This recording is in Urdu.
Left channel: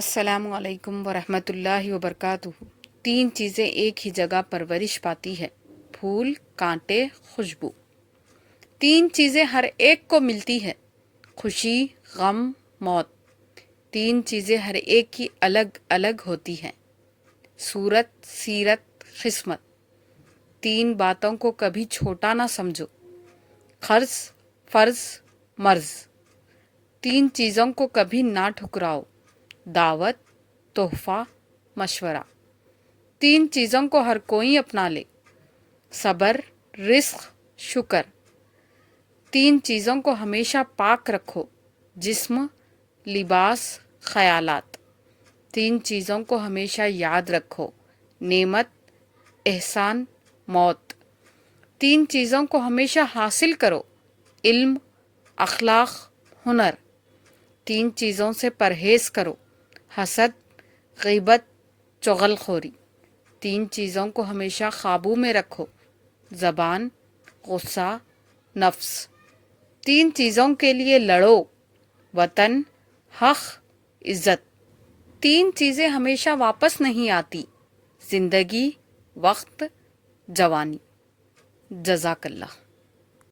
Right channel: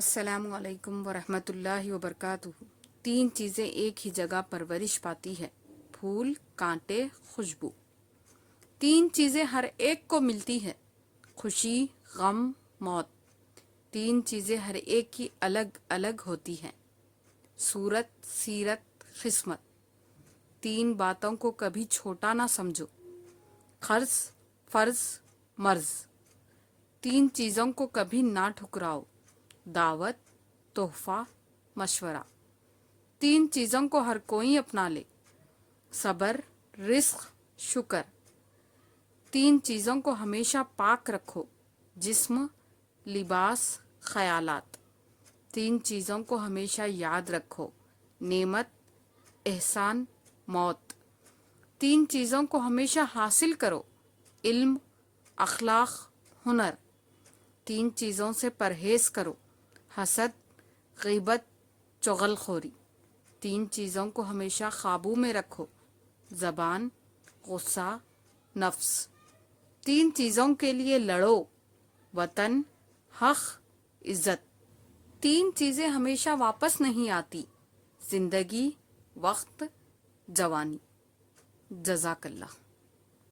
السلام علیکم ورحمۃ اللہ وبرکاتہ۔ تین چیزیں ایک ہی جگہ پرورش پاتی ہے: پھول، کانٹے، خوشبو۔ تین چیزیں ہر ایک کو ملتی ہے: خوشی، غم، موت۔ تین چیزیں ہر ایک کی الگ الگ ہوتی ہیں: صورت، سیرت، قسمت۔ تین باتوں کو کبھی چھوٹا نہ سمجھو: قرض، فرض، مرض۔ تین چیزوں کو کبھی نہ ٹھکراؤ: دعوت، تحفہ، مشورہ۔ تین چیزوں کو ہر کوئی اپنا لے: صبر، رزق، شکر۔ تین چیزوں کو ہمیشہ پاک رکھو: جسم، لباس، خیالات۔ تین چیزوں کو ہمیشہ یاد رکھو: نعمت، احسان، موت۔ تین چیزوں کو ہمیشہ حاصل کرو: علم، اخلاق، ہنر۔ تین چیزوں سے پرہیز کرو: حسد، غیبت، چغل خوری۔ تین چیزوں کو ہمیشہ قابو میں رکھو: زبان، غصہ، نفس۔ تین چیزوں کے لیے لڑو: وطن، حق، عزت۔ تین چیزیں ہمیشہ واپس نہیں آتی: زندگی، وقت، جوانی۔ جزاک اللہ۔